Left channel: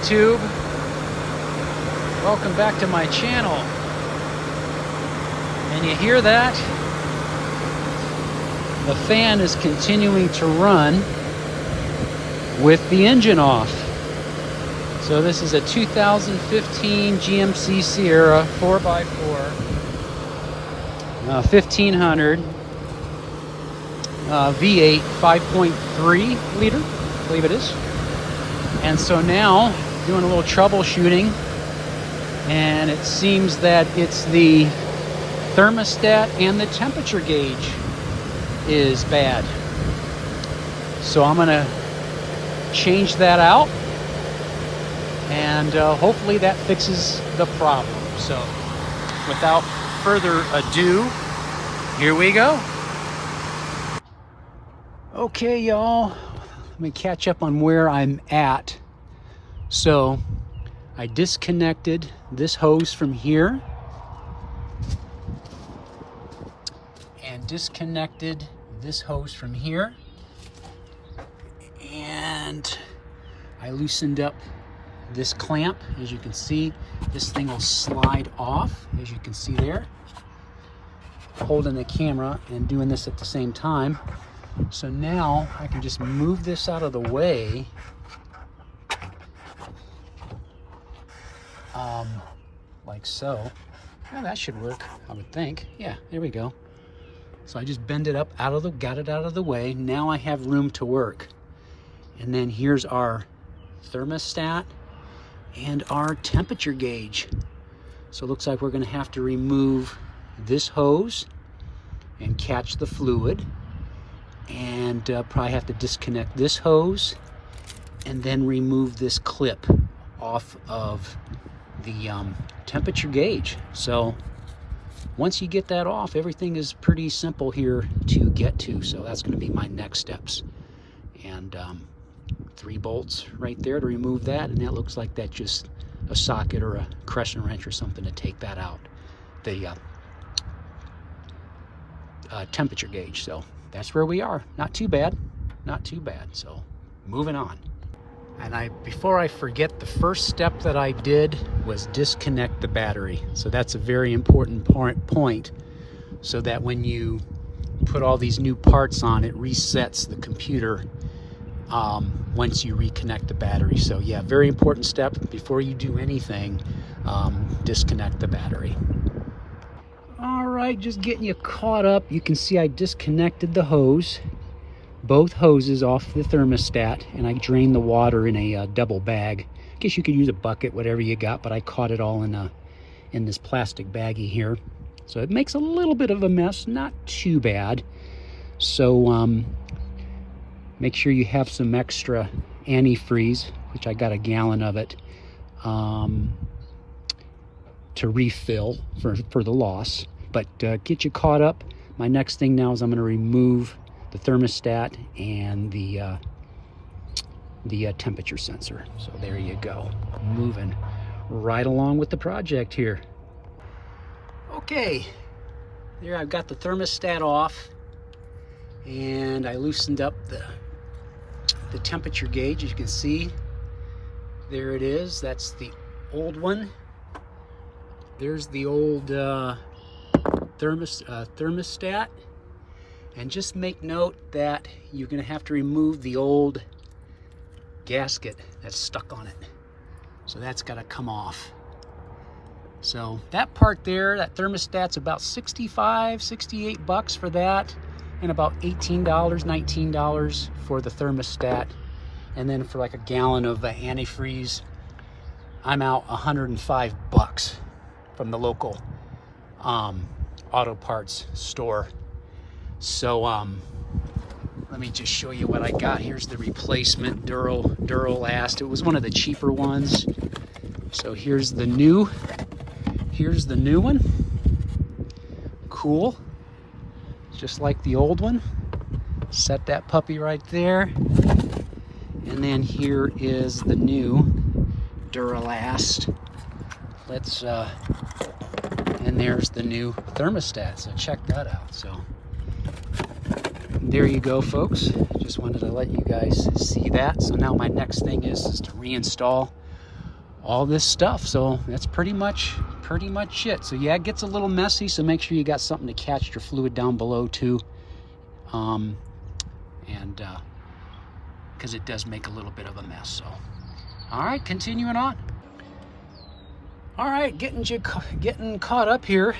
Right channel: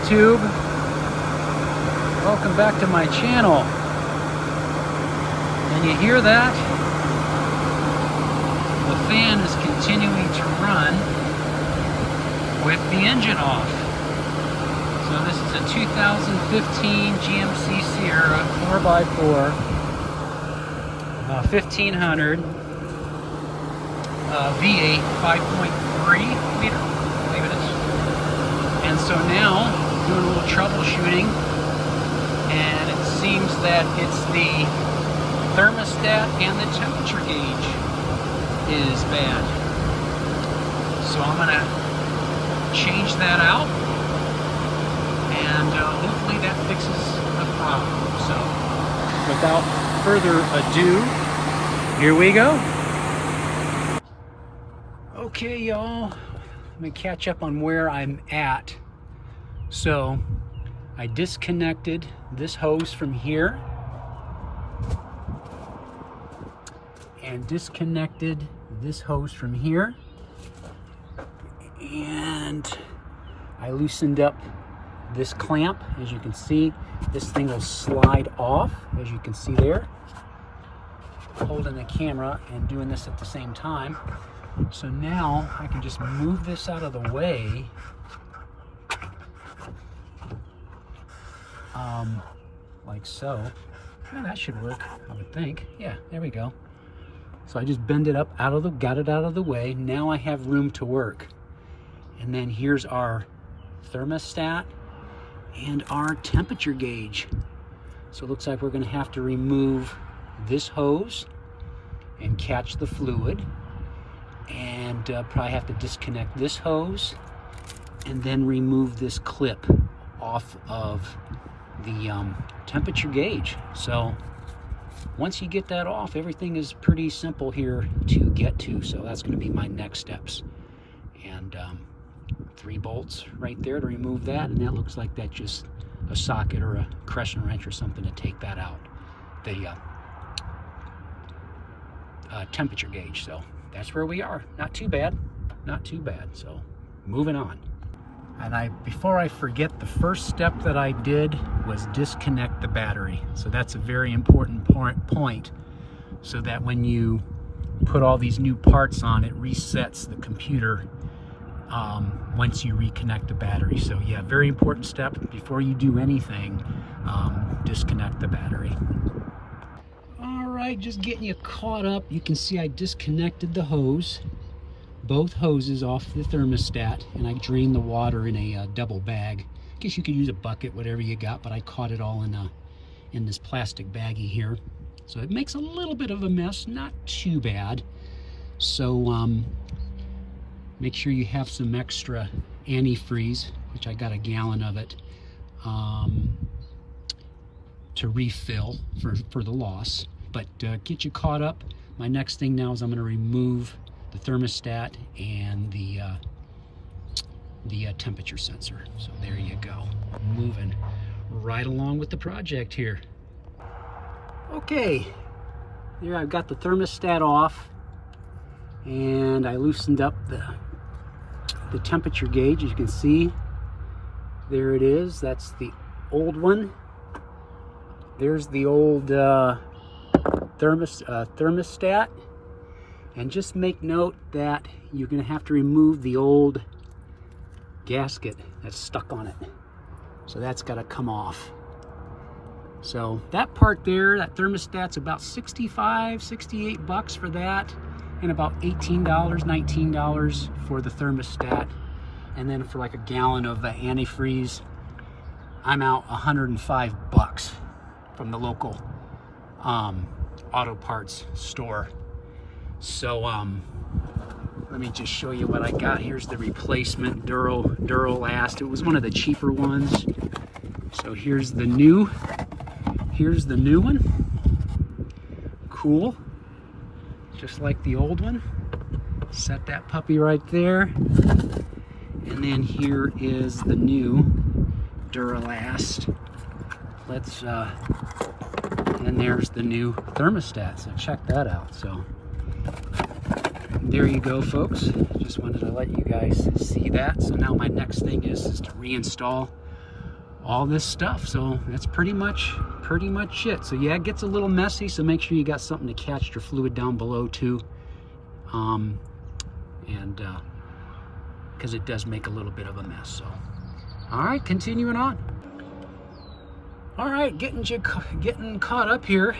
YouTube. Welcome back to my channel. And you hear that? The fan is continuing to run with the engine off. So this is a 2015 GMC Sierra 4x4 1500 V8 5.3 liter, I believe it is. And so now doing a little troubleshooting, and it seems that it's the thermostat and the temperature gauge is bad. So I'm gonna change that out, and hopefully that fixes the problem. So without further ado, here we go. Okay, y'all, let me catch up on where I'm at. So I disconnected this hose from here and disconnected this hose from here, and I loosened up this clamp. As you can see, this thing will slide off, as you can see there. Holding the camera and doing this at the same time. So now I can just move this out of the way, like so. Now that should work, I would think. Yeah, there we go. So I just bend it up got it out of the way. Now I have room to work. And then here's our thermostat and our temperature gauge. So it looks like we're gonna have to remove this hose and catch the fluid, and probably have to disconnect this hose and then remove this clip off of the temperature gauge. So once you get that off, everything is pretty simple here to get to. So that's going to be my next steps. And 3 bolts right there to remove that, and that looks like that's just a socket or a crescent wrench or something to take that out, the temperature gauge. So that's where we are. Not too bad, not too bad. So moving on. And before I forget, the first step that I did was disconnect the battery. So that's a very important point, so that when you put all these new parts on, it resets the computer once you reconnect the battery. So yeah, very important step before you do anything. Disconnect the battery. All right, just getting you caught up. You can see I disconnected the hose, both hoses, off the thermostat, and I drained the water in a double bag. I guess you could use a bucket, whatever you got, but I caught it all in this plastic baggie here. So it makes a little bit of a mess, not too bad. So make sure you have some extra antifreeze, which I got a gallon of it, to refill for the loss. But get you caught up. My next thing now is I'm going to remove the thermostat and the temperature sensor. So there you go, moving right along with the project here. Okay, there I've got the thermostat off, and I loosened up the temperature gauge. As you can see, there it is. That's the old one. There's the old thermostat. And just make note that you're going to have to remove the old gasket that's stuck on it. So that's got to come off. So that part there, that thermostat's about 65, 68 bucks for that, and about $18, $19 for the thermostat. And then for like a gallon of antifreeze, I'm out 105 bucks from the local auto parts store. So let me just show you what I got. Here's the replacement Duralast. It was one of the cheaper ones. So here's the new one. Cool. Just like the old one. Set that puppy right there. And then here is the new Duralast. And there's the new thermostat. So check that out. So there you go, folks. Just wanted to let you guys see that. So now my next thing is to reinstall all this stuff. So that's pretty much it. So yeah, it gets a little messy, so make sure you got something to catch your fluid down below too, because it does make a little bit of a mess. So all right, continuing on. All right, getting caught up here.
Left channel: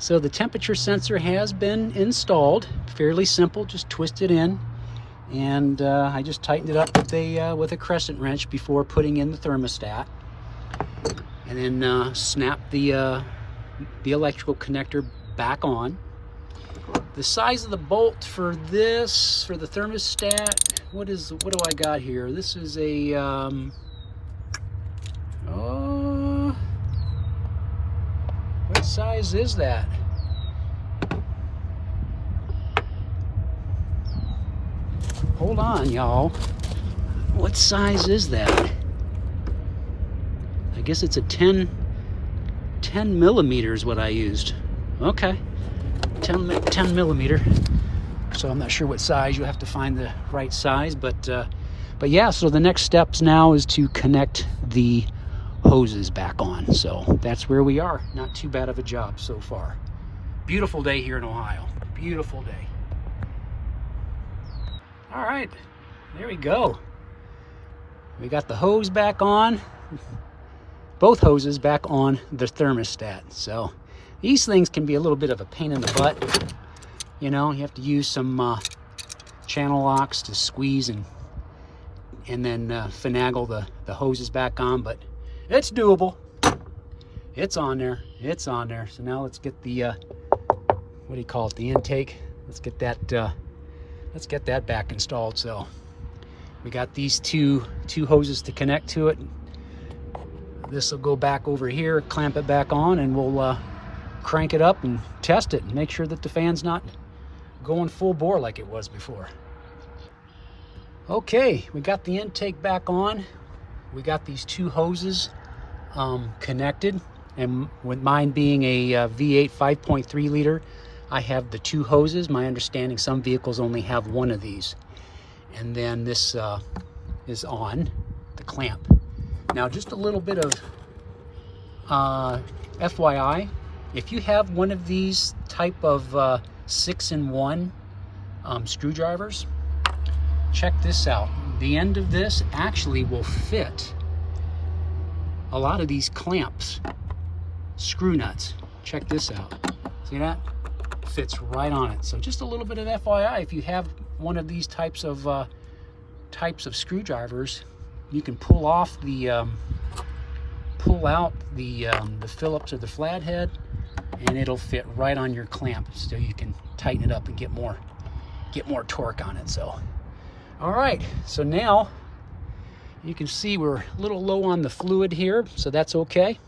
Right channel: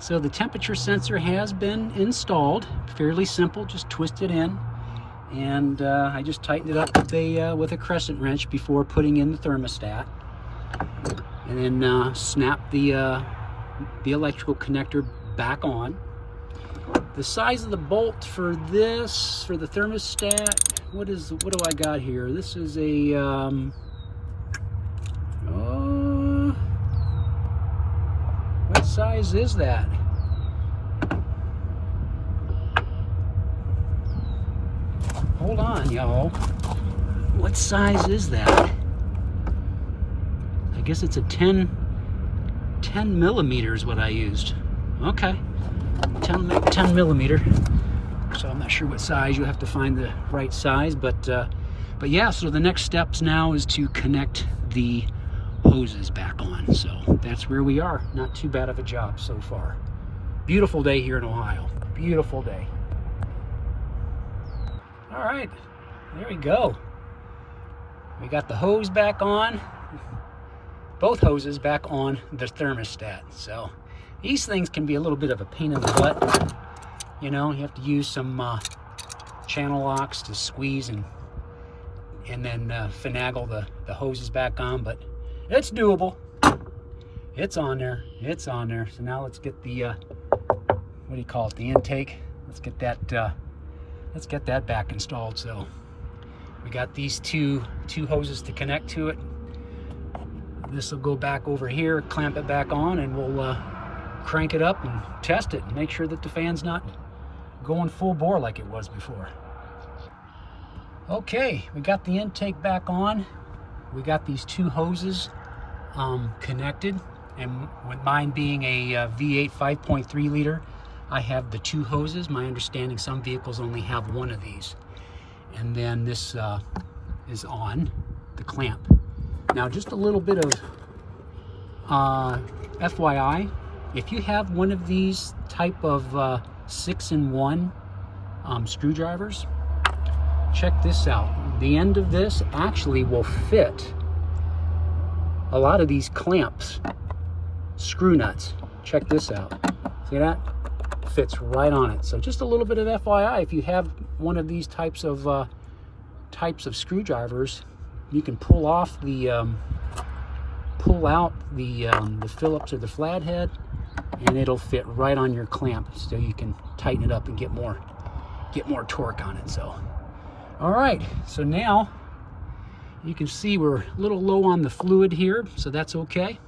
So the temperature sensor has been installed. Fairly simple, just twist it in, and I just tightened it up with a crescent wrench before putting in the thermostat, and then snap the electrical connector back on. The size of the bolt for the thermostat, what do I got here? This is a what size is that? Hold on, y'all. What size is that? I guess it's a 10 millimeters what I used. Okay, 10 millimeter. So I'm not sure what size. You have to find the right size, but yeah. So the next steps now is to connect the hoses back on. So that's where we are. Not too bad of a job so far. Beautiful day here in Ohio. Beautiful day. All right, there we go. We got the hose back on, both hoses back on the thermostat. So these things can be a little bit of a pain in the butt. You know, you have to use some channel locks to squeeze and then finagle the hoses back on, but it's doable. It's on there. It's on there. So now let's get the what do you call it? The intake. Let's get that back installed. So we got these two hoses to connect to it. This will go back over here, clamp it back on, and we'll crank it up and test it and make sure that the fan's not going full bore like it was before. Okay, we got the intake back on. We got these two hoses connected, and with mine being a V8 5.3 liter, I have the two hoses. My understanding, some vehicles only have one of these. And then this is on the clamp. Now, just a little bit of FYI, if you have one of these type of 6-in-1 screwdrivers, check this out. The end of this actually will fit a lot of these clamps, screw nuts. Check this out. See that? Fits right on it. So just a little bit of FYI, if you have one of these types of screwdrivers, you can pull out the Phillips or the flathead, and it'll fit right on your clamp, so you can tighten it up and get more torque on it. So all right, so now you can see we're a little low on the fluid here, so that's okay.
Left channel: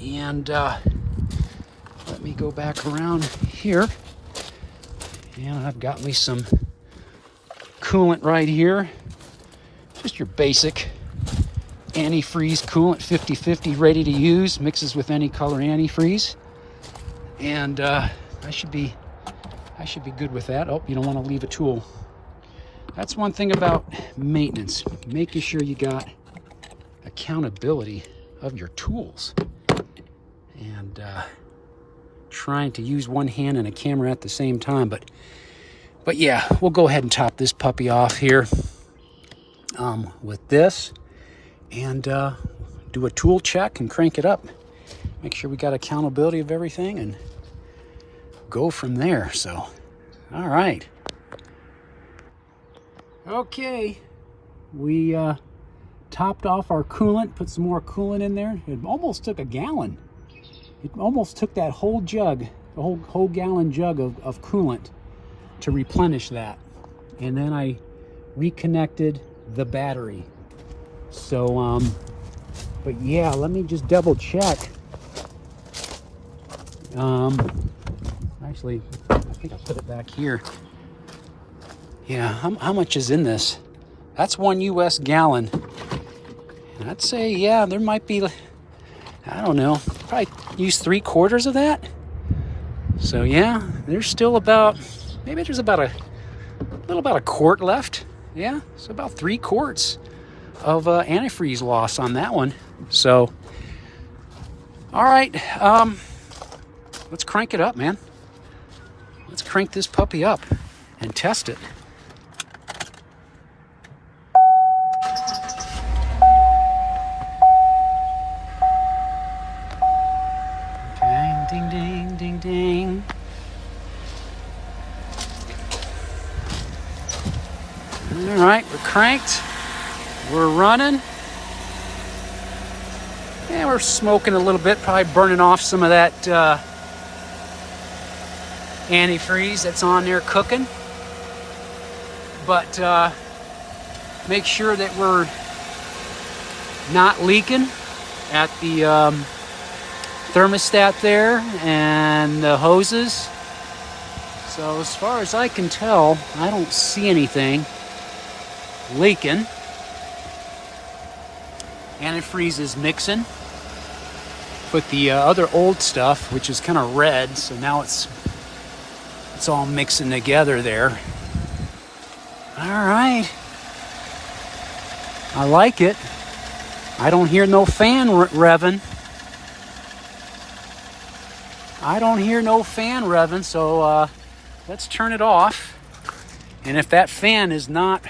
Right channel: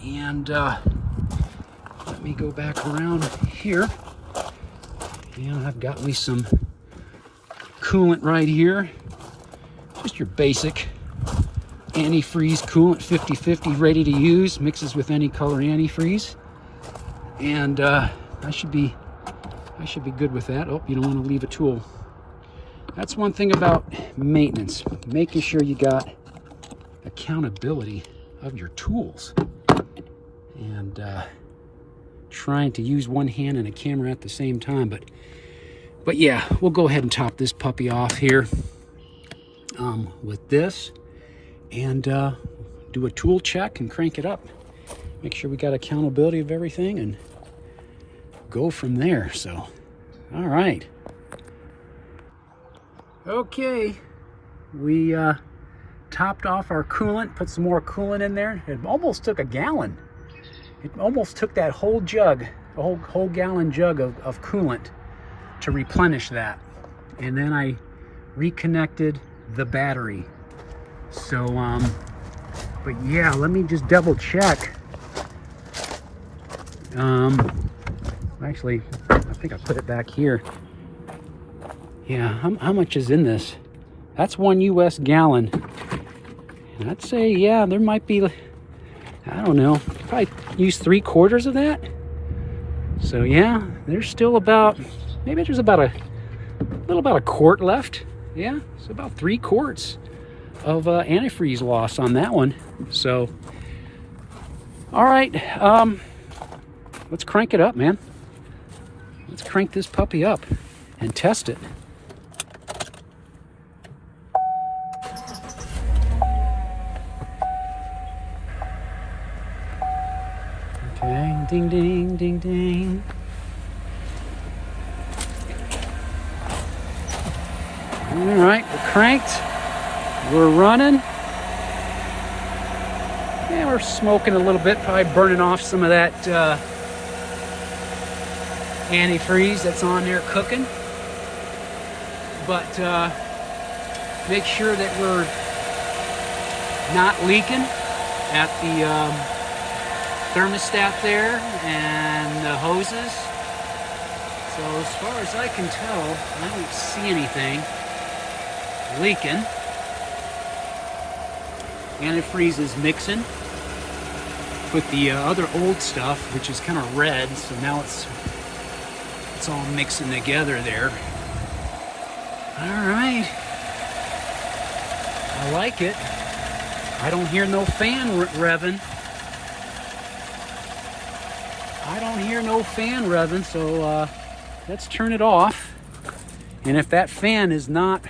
And let me go back around here. And I've got me some coolant right here. Just your basic antifreeze coolant, 50-50, ready to use. Mixes with any color antifreeze. And I should be good with that. Oh, you don't want to leave a tool. That's one thing about maintenance, making sure you got accountability of your tools, and trying to use one hand and a camera at the same time. But yeah, we'll go ahead and top this puppy off here with this, and do a tool check and crank it up. Make sure we got accountability of everything and go from there. So, all right. Okay, we topped off our coolant, put some more coolant in there. It almost took a gallon. It almost took that whole jug, a whole gallon jug of coolant to replenish that. And then I reconnected the battery. So, but yeah, let me just double check. Actually, I think I put it back here. Yeah, how much is in this? That's 1 US gallon. And I'd say, yeah, there might be, I don't know, probably use 3/4 of that. So yeah, there's still about, maybe there's about a quart left. Yeah, so about 3 quarts of antifreeze loss on that one. So, all right, let's crank it up, man. Let's crank this puppy up and test it. Okay, ding, ding, ding, ding. All right, we're cranked. We're running. Yeah, we're smoking a little bit, probably burning off some of that antifreeze that's on there cooking. But make sure that we're not leaking at the thermostat there and the hoses. So as far as I can tell, I don't see anything leaking. Antifreeze is mixing with the other old stuff, which is kind of red, so now it's all mixing together there. All right, I like it. I don't hear no fan revving. I don't hear no fan revving, so let's turn it off. And if that fan is not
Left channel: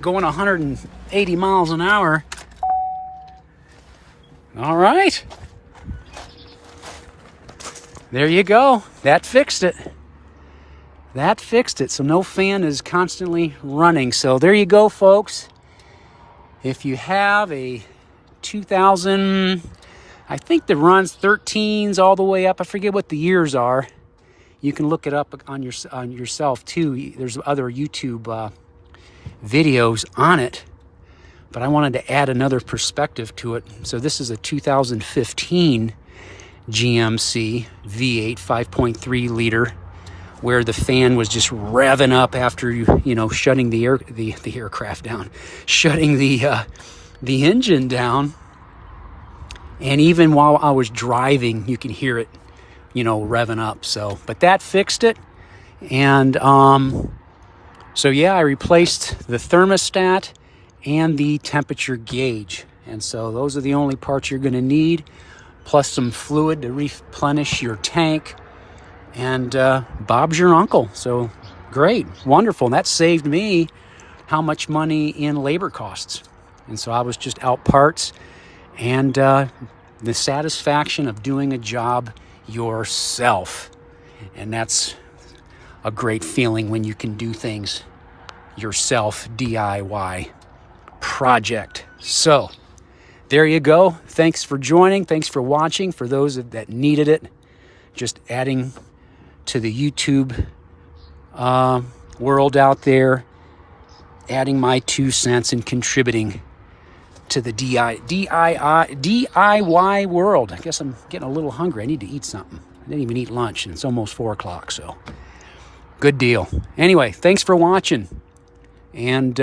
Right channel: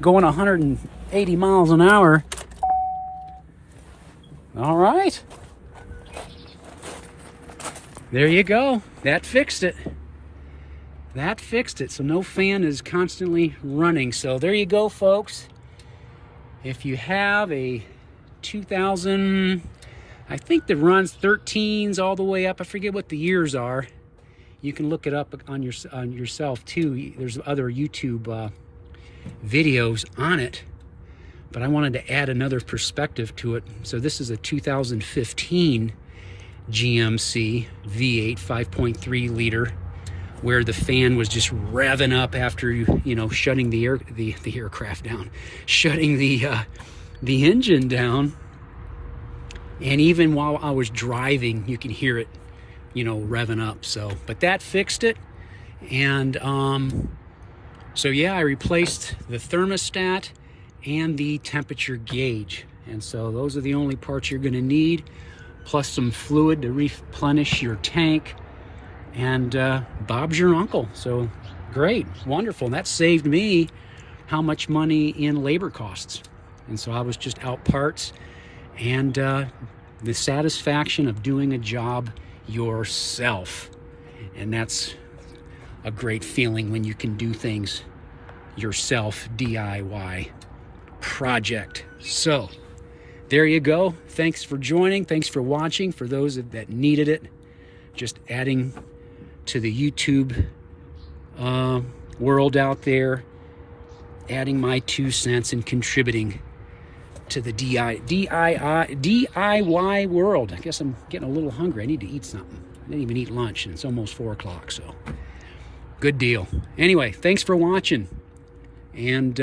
going 180 miles an hour, all right. There you go. That fixed it. That fixed it. So no fan is constantly running. So there you go, folks. If you have a 2000, I think that runs 13s all the way up. I forget what the years are. You can look it up on yourself too. There's other YouTube videos on it. But I wanted to add another perspective to it. So this is a 2015 GMC V8 5.3 liter, where the fan was just revving up after you know shutting the aircraft down, shutting the engine down, and even while I was driving, you can hear it, you know, revving up. So, but that fixed it, and so yeah, I replaced the thermostat and the temperature gauge, and so those are the only parts you're going to need, plus some fluid to replenish your tank, and Bob's your uncle. So great, wonderful. And that saved me how much money in labor costs, and so I was just out parts, and the satisfaction of doing a job yourself, and that's a great feeling when you can do things yourself, DIY project. So there you go. Thanks for joining. Thanks for watching. For those that needed it, just adding to the YouTube world out there, adding my 2 cents and contributing to the DIY world. I guess I'm getting a little hungry. I need to eat something. I didn't even eat lunch, and it's almost 4 o'clock, so good deal. Anyway, thanks for watching, and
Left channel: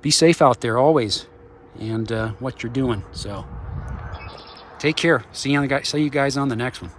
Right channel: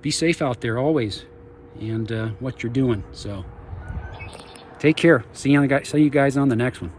be safe out there always, and what you're doing. So take care. See you guys on the next one.